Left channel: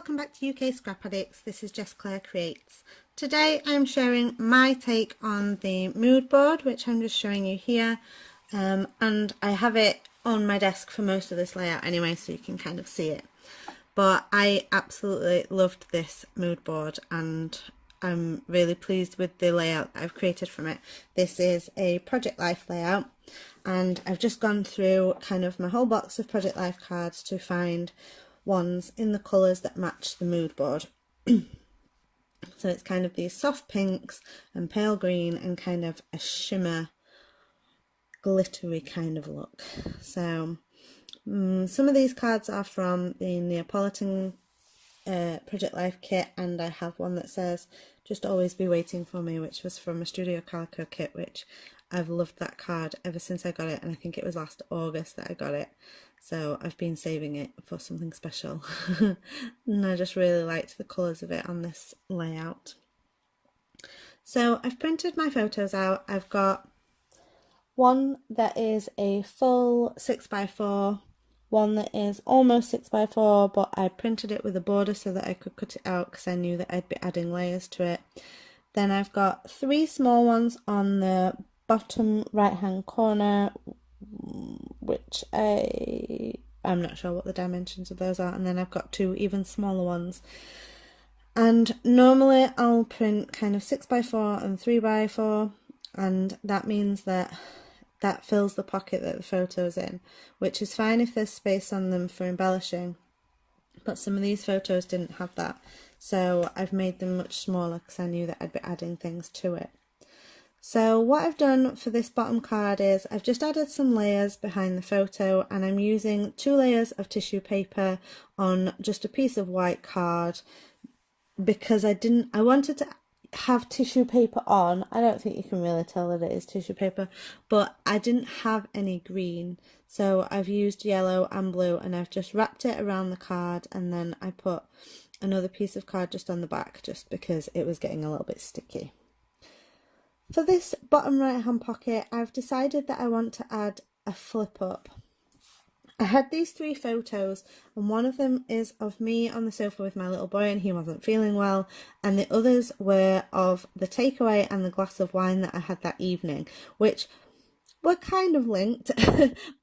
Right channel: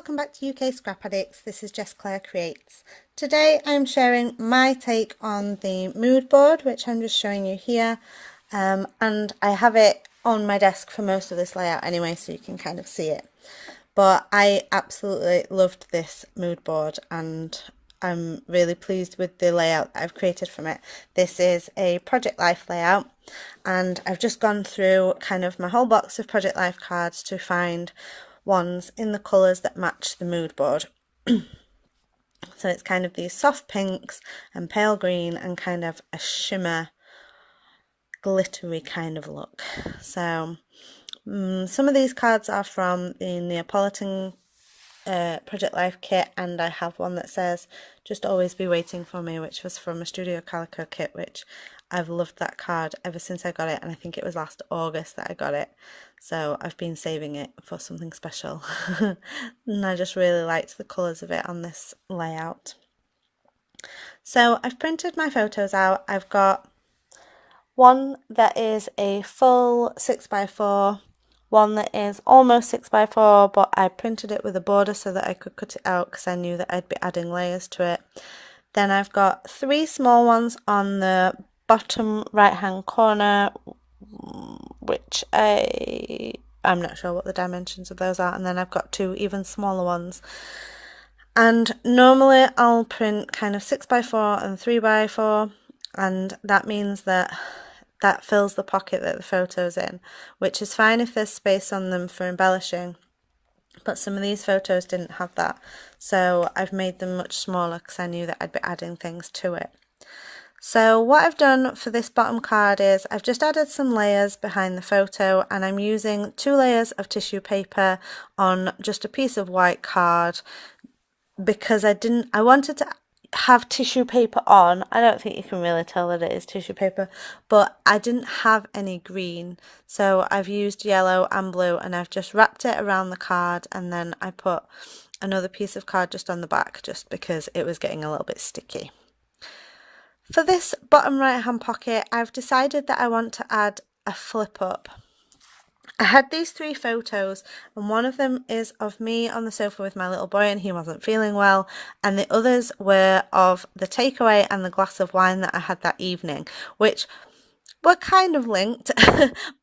welcome back to UK Scrap Addicts. This is Jess Creates. Today I am sharing my take on the mood board, which I'm just showing you here, and I have it on my desk for most of this layout anyway, so you can kind of see it. But I absolutely loved this mood board and I'm really pleased with the layout that I've created from it. This is a Project Life layout, and I've just gone through kind of my whole box of Project Life cards to find ones in the colours that match the mood board. So it's kind of these soft pinks and pale green and kind of a shimmer glittery kind of look. So some of these cards are from the Neopolitan Project Life kit, and I have one that says just always be waiting for me, which was from a Studio Calico kit, which I've loved that card ever since I got it, and I think it was last August that I got it, so I've been saving it for something special. And I just really liked the colours of it on this layout. So I've printed my photos out. I've got one that is a full 6x4, one that is almost 6x4, but I printed it with a border so that I could cut it out because I knew that I'd be adding layers to it. Then I've got 3 small ones on the bottom right hand corner, which I'm not sure what the dimensions of those are, and then I've got 2 even smaller ones. And normally I'll print kind of 6x4 and 3x4, and that means that fills the pocket that the photo's in, which is fine if there's space on them for embellishing, but some of these photos didn't have that, so I've made them much smaller because I knew that I'd be adding things to it. So what I've done for this bottom card is I've just added some layers behind the photo, and I'm using 2 layers of tissue paper on just a piece of white card because I wanted to have tissue paper on. I don't think you can really tell that it is tissue paper, but I didn't have any green, so I've used yellow and blue, and I've just wrapped it around the card, and then I put another piece of card just on the back just because it was getting a little bit sticky. For this bottom right hand pocket, I've decided that I want to add a flip up. I had these 3 photos, and one of them is of me on the sofa with my little boy and he wasn't feeling well, and the others were of the takeaway and the glass of wine that I had that evening, which were kind of linked,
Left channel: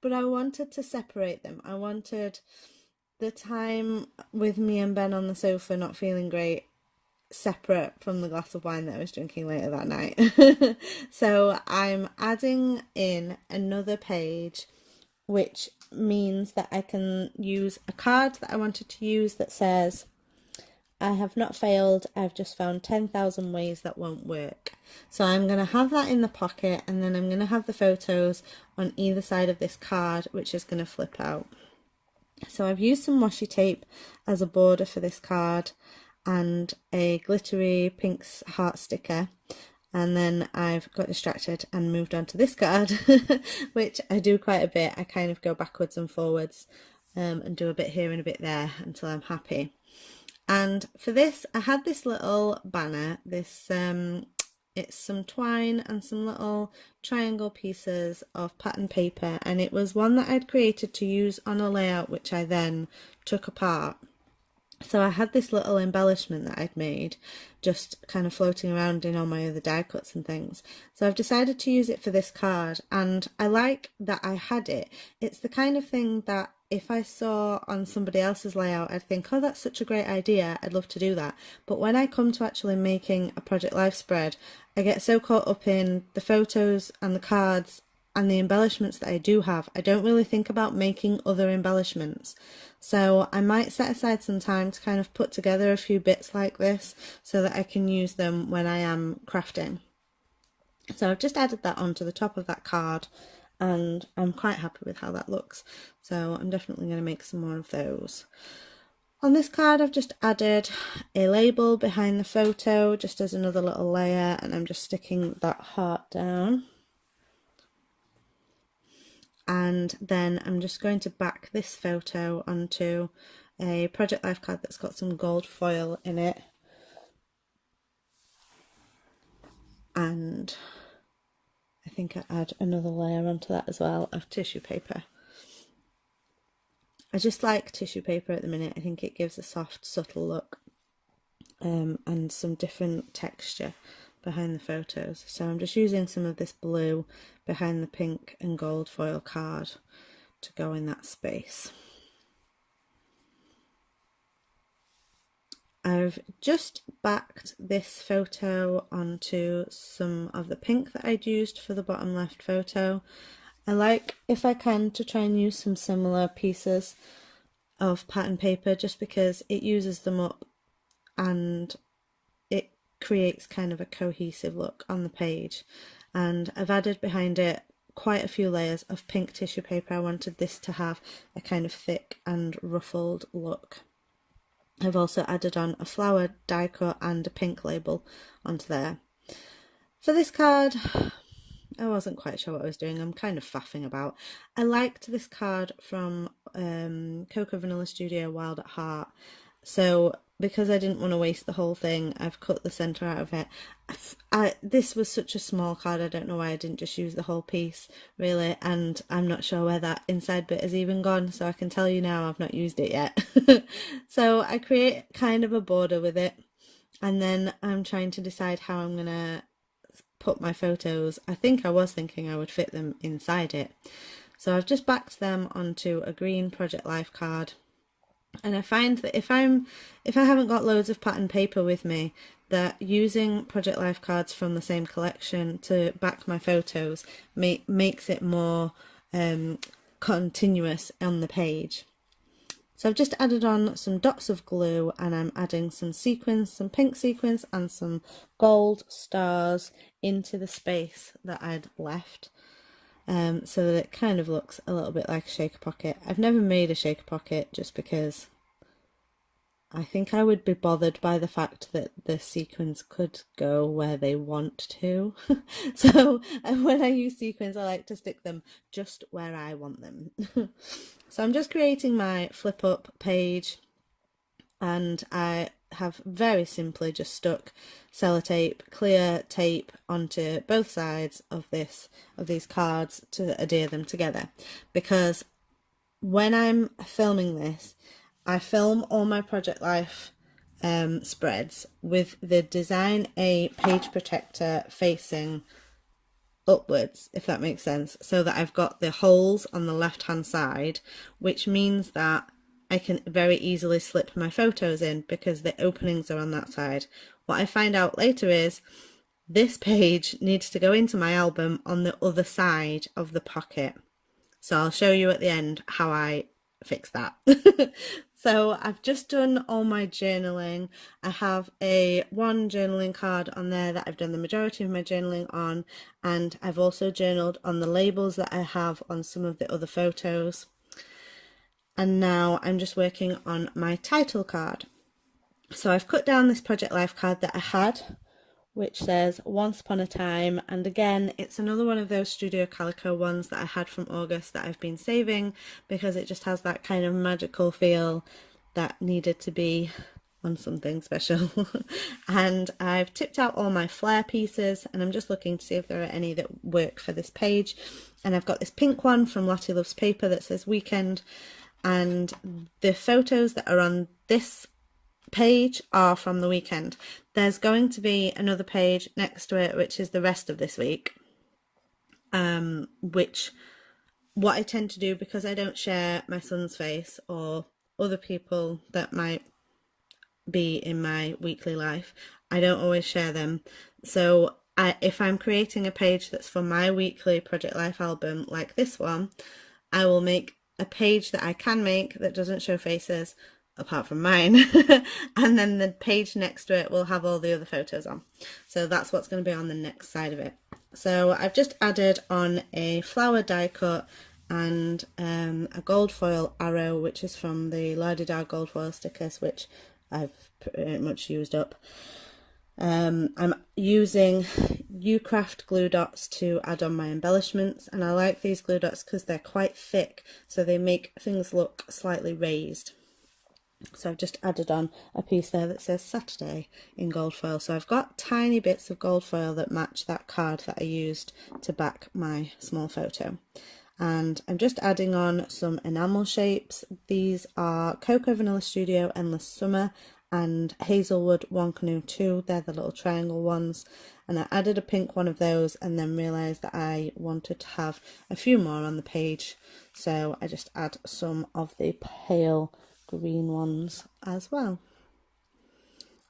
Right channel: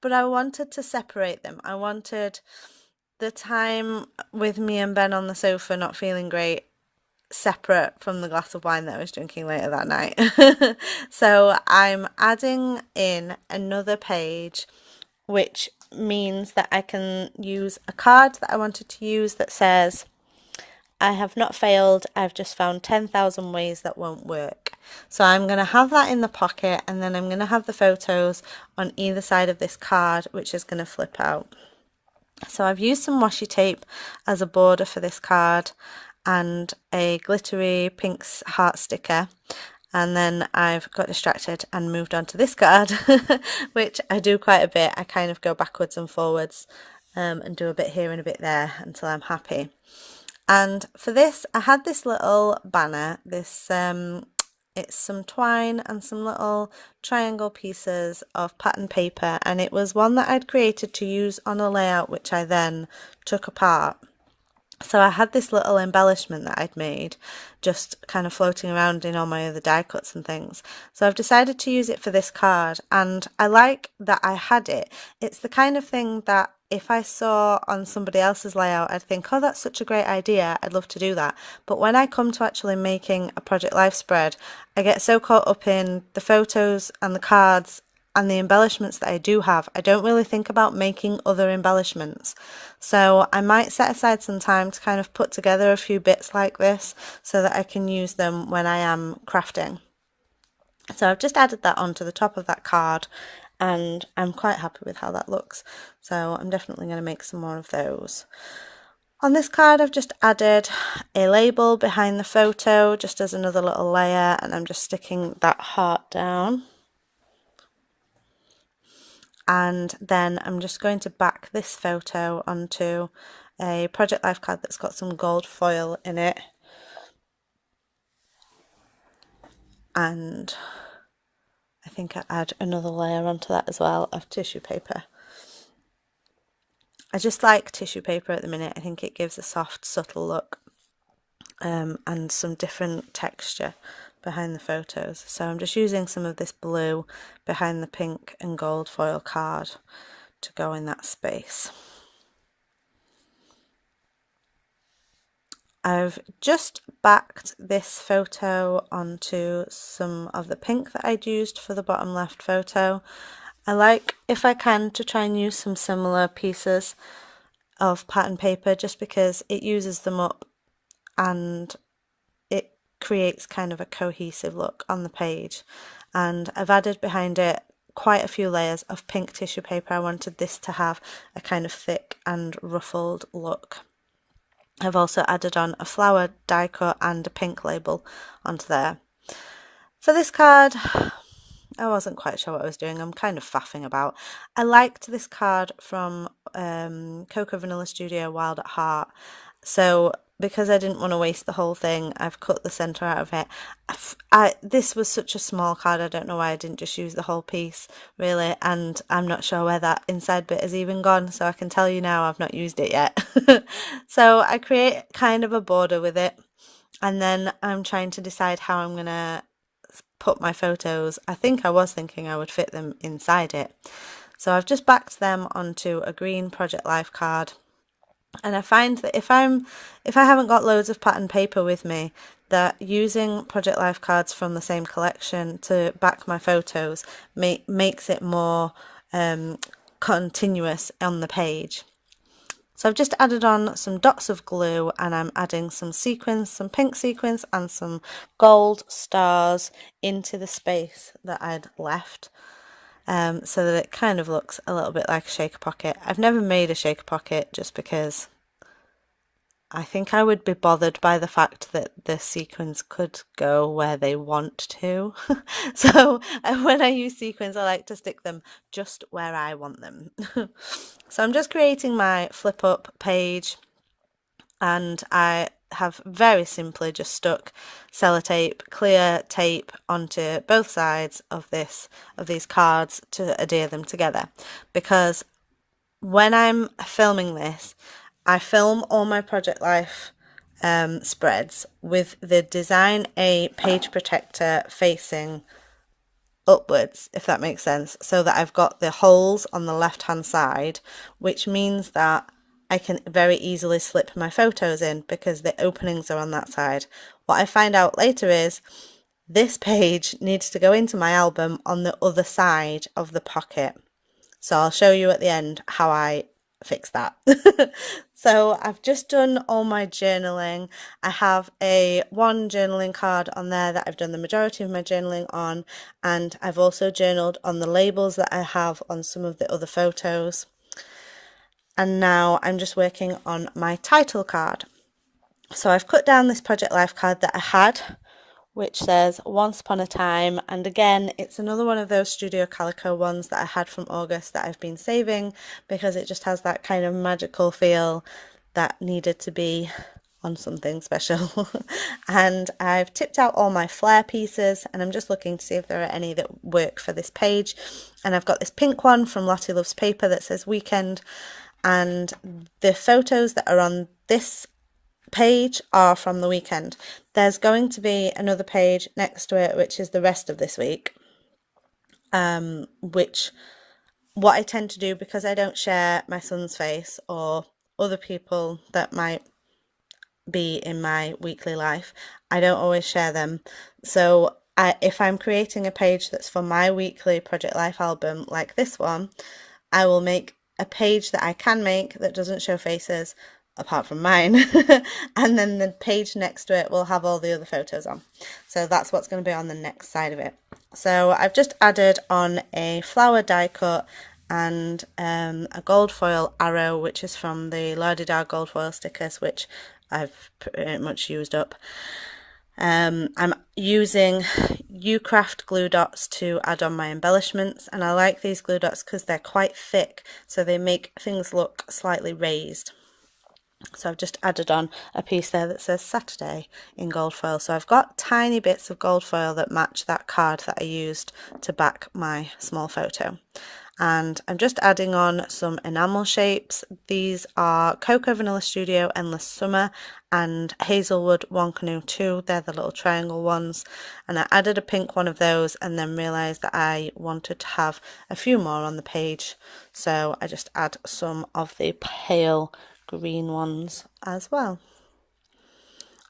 but I wanted to separate them. I wanted the time with me and Ben on the sofa not feeling great separate from the glass of wine that I was drinking later that night. So I'm adding in another page, which means that I can use a card that I wanted to use that says, I have not failed, I've just found 10,000 ways that won't work. So I'm going to have that in the pocket, and then I'm going to have the photos on either side of this card, which is going to flip out. So I've used some washi tape as a border for this card and a glittery pink heart sticker. And then I've got distracted and moved on to this card, which I do quite a bit. I kind of go backwards and forwards and do a bit here and a bit there until I'm happy. And for this, I had this little banner. This it's some twine and some little triangle pieces of pattern paper, and it was one that I'd created to use on a layout which I then took apart. So I had this little embellishment that I'd made just kind of floating around in all my other die cuts and things. So I've decided to use it for this card, and I like that I had it. It's the kind of thing that if I saw on somebody else's layout, I'd think, oh, that's such a great idea, I'd love to do that. But when I come to actually making a Project Life spread, I get so caught up in the photos and the cards and the embellishments that I do have, I don't really think about making other embellishments. So I might set aside some time to kind of put together a few bits like this so that I can use them when I am crafting. So I've just added that onto the top of that card, and I'm quite happy with how that looks. So I'm definitely going to make some more of those. On this card, I've just added a label behind the photo just as another little layer, and I'm just sticking that heart down. And then I'm just going to back this photo onto a Project Life card that's got some gold foil in it. And I think I add another layer onto that as well of tissue paper. I just like tissue paper at the minute. I think it gives a soft, subtle look and some different texture behind the photos. So I'm just using some of this blue behind the pink and gold foil card to go in that space. I've just backed this photo onto some of the pink that I'd used for the bottom left photo. I like, if I can, to try and use some similar pieces of pattern paper just because it uses them up and it creates kind of a cohesive look on the page. And I've added behind it quite a few layers of pink tissue paper. I wanted this to have a kind of thick and ruffled look. I've also added on a flower die cut and a pink label onto there. For this card, I wasn't quite sure what I was doing. I'm kind of faffing about. I liked this card from Cocoa Vanilla Studio Wild at Heart. So because I didn't want to waste the whole thing, I've cut the centre out of it. This was such a small card, I don't know why I didn't just use the whole piece, really, and I'm not sure where that inside bit has even gone, so I can tell you now I've not used it yet. So I create kind of a border with it, and then I'm trying to decide how I'm going to put my photos. I think I was thinking I would fit them inside it. So I've just backed them onto a green Project Life card. And I find that if I haven't got loads of pattern paper with me, that using Project Life cards from the same collection to back my photos makes it more continuous on the page. So I've just added on some dots of glue, and I'm adding some sequins, some pink sequins and some gold stars into the space that I'd left. So that it kind of looks a little bit like a shaker pocket. I've never made a shaker pocket just because I think I would be bothered by the fact that the sequins could go where they want to. So when I use sequins, I like to stick them just where I want them. So I'm just creating my flip up page, and I have very simply just stuck sellotape, clear tape onto both sides of these cards to adhere them together, because when I'm filming this, I film all my Project Life spreads with the Design A page protector facing upwards, if that makes sense, so that I've got the holes on the left hand side, which means that I can very easily slip my photos in because the openings are on that side. What I find out later is this page needs to go into my album on the other side of the pocket. So I'll show you at the end how I fix that. So I've just done all my journaling. I have one journaling card on there that I've done the majority of my journaling on, and I've also journaled on the labels that I have on some of the other photos. And now I'm just working on my title card. So I've cut down this Project Life card that I had, which says Once Upon a Time, and again it's another one of those Studio Calico ones that I had from August that I've been saving because it just has that kind of magical feel that needed to be on something special. And I've tipped out all my flare pieces, and I'm just looking to see if there are any that work for this page. And I've got this pink one from Lottie Loves Paper that says Weekend, and the photos that are on this page are from the weekend. There's going to be another page next to it which is the rest of this week, which what I tend to do, because I don't share my son's face or other people that might be in my weekly life, I don't always share them. So if I'm creating a page that's for my weekly Project Life album like this one, I will make a page that I can make that doesn't show faces apart from mine, and then the page next to it will have all the other photos on. So that's what's going to be on the next side of it. So I've just added on a flower die cut and a gold foil arrow, which is from the La-di-da gold foil stickers, which I've pretty much used up. I'm using U-Craft glue dots to add on my embellishments, and I like these glue dots because they're quite thick, so they make things look slightly raised. So I've just added on a piece there that says Saturday in gold foil. So I've got tiny bits of gold foil that match that card that I used to back my small photo. and I'm just adding on some enamel shapes. These are Cocoa Vanilla Studio Endless Summer and Hazelwood One Canoe 2. They're the little triangle ones, and I added a pink one of those and then realised that I wanted to have a few more on the page, so I just add some of the pale green ones as well.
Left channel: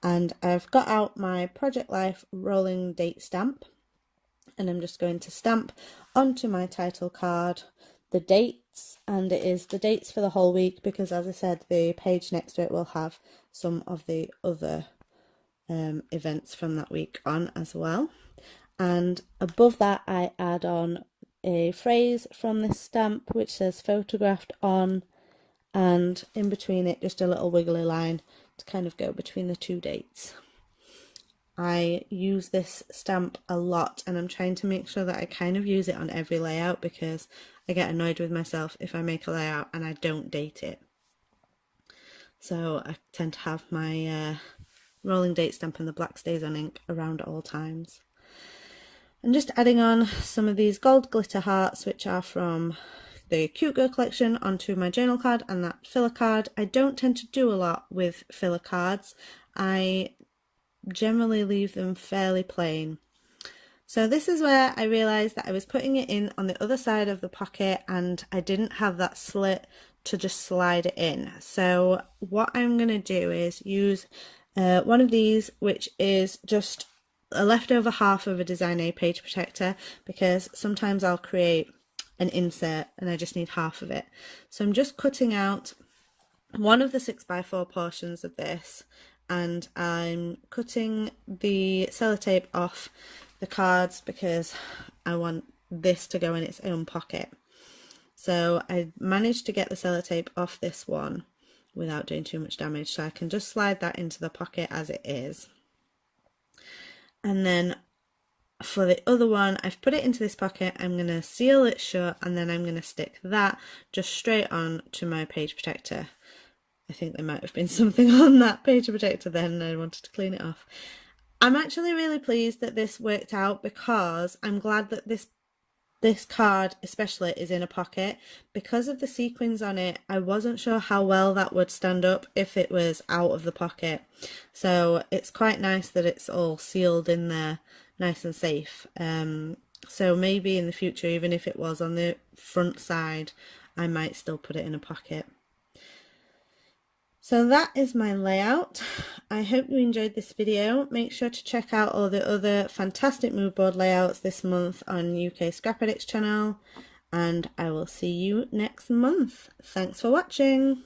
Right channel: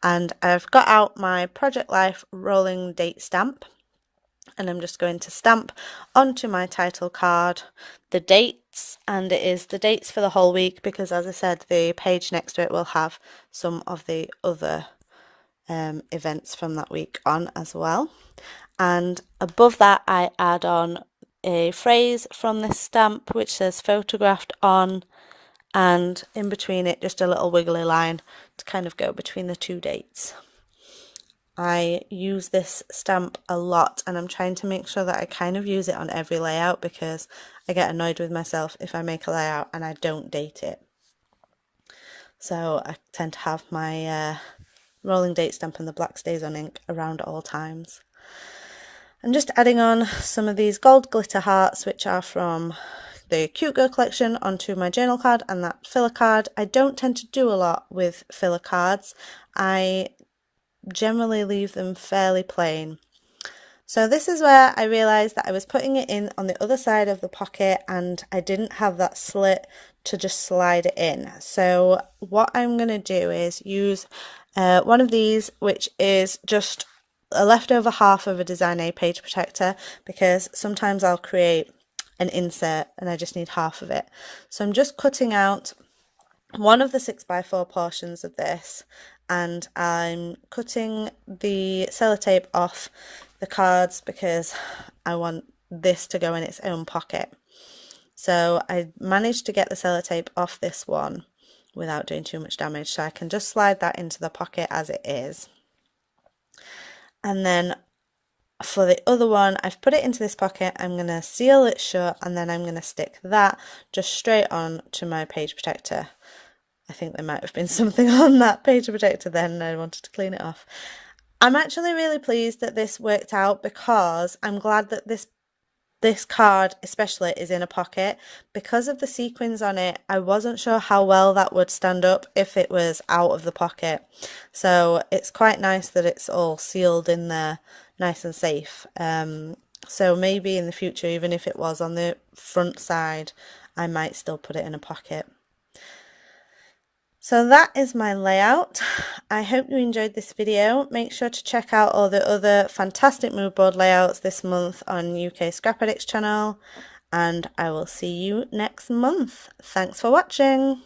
And I've got out my Project Life rolling date stamp, and I'm just going to stamp onto my title card the dates, and it is the dates for the whole week because, as I said, the page next to it will have some of the other events from that week on as well. And above that I add on a phrase from this stamp which says photographed on, and in between it just a little wiggly line to kind of go between the two dates. I use this stamp a lot, and I'm trying to make sure that I kind of use it on every layout because I get annoyed with myself if I make a layout and I don't date it. So I tend to have my rolling date stamp and the black stays on ink around at all times. I'm just adding on some of these gold glitter hearts, which are from the Cute Girl collection, onto my journal card and that filler card. I don't tend to do a lot with filler cards. I generally leave them fairly plain. So this is where I realised that I was putting it in on the other side of the pocket and I didn't have that slit to just slide it in. So what I'm going to do is use one of these, which is just a leftover half of a Design A page protector, because sometimes I'll create an insert and I just need half of it. So I'm just cutting out one of the 6x4 portions of this, and I'm cutting the sellotape off the cards because I want this to go in its own pocket. So I managed to get the sellotape off this one without doing too much damage, so I can just slide that into the pocket as it is. And then for the other one, I've put it into this pocket, I'm going to seal it shut, and then I'm going to stick that just straight on to my page protector. I think there might have been something on that page protector then, I wanted to clean it off. I'm actually really pleased that this worked out because I'm glad that this card especially is in a pocket. Because of the sequins on it, I wasn't sure how well that would stand up if it was out of the pocket. So it's quite nice that it's all sealed in there, nice and safe. So maybe in the future, even if it was on the front side, I might still put it in a pocket. So that is my layout. I hope you enjoyed this video. Make sure to check out all the other fantastic mood board layouts this month on UK Scrap Addicts channel, and I will see you next month. Thanks for watching.